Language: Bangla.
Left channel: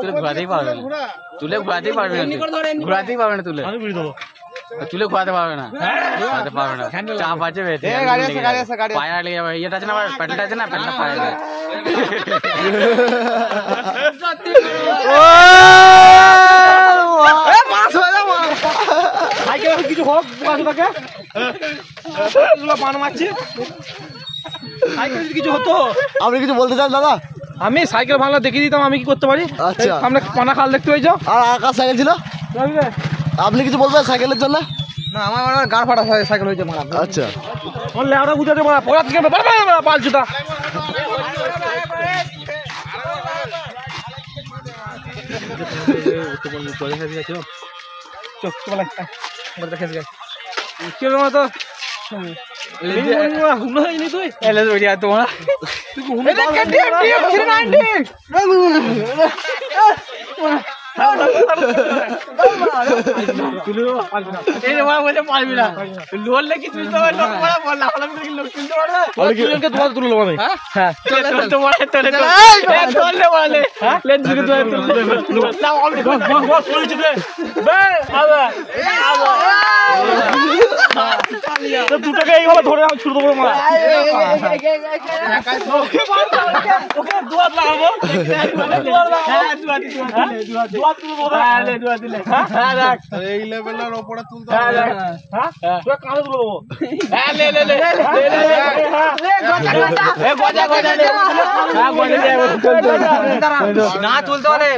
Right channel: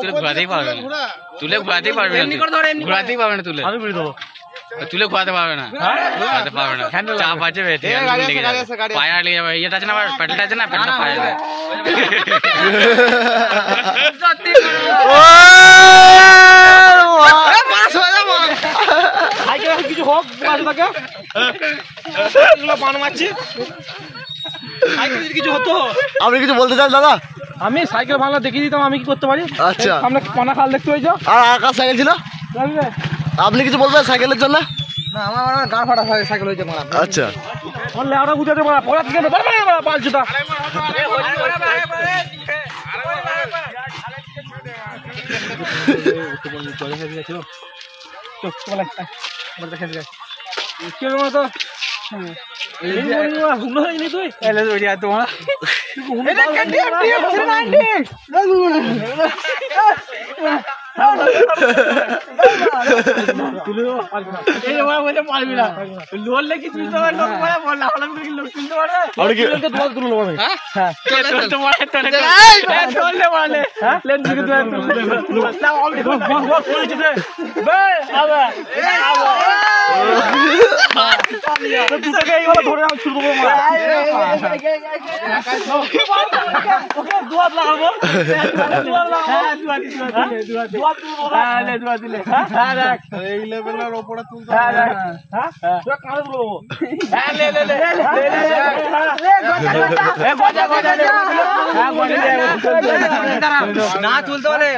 তুলে ঘোরাতেই পারবে না, তুলে ঘোরাতেই পারবে না, ঘোরাতেই পারবে না, তুলে তুলে ঘোরাতে পারবে না, ঘোরাতে পারবে না, চাপ আছে পায়ে লেগে যাবে, ইয়েটা আছে না আবার প্যাডেলটা আছে না, প্যাডেলটা পায়ে যাবে। কিছু হোক কিছু হতো। আপনি কিছু বলতে চান দাদা? আমি সাইকেল ভাঙলে দেখিয়ে দিতাম আমি কি করতে পারি। আচ্ছা, আমরা পানা খাল দেখতে হয়ে যাও। আর আকাশ সাইকেল ছিল, আপনি কিছু বলবেন সাইকেলের জন্য? না আমার গাড় ফাটা সাইকেল হয়ে যাবে। আচ্ছা, আমরা বুঝাতে পালছুটা পারবি না, লোলে কিছু না তুলতে পারে।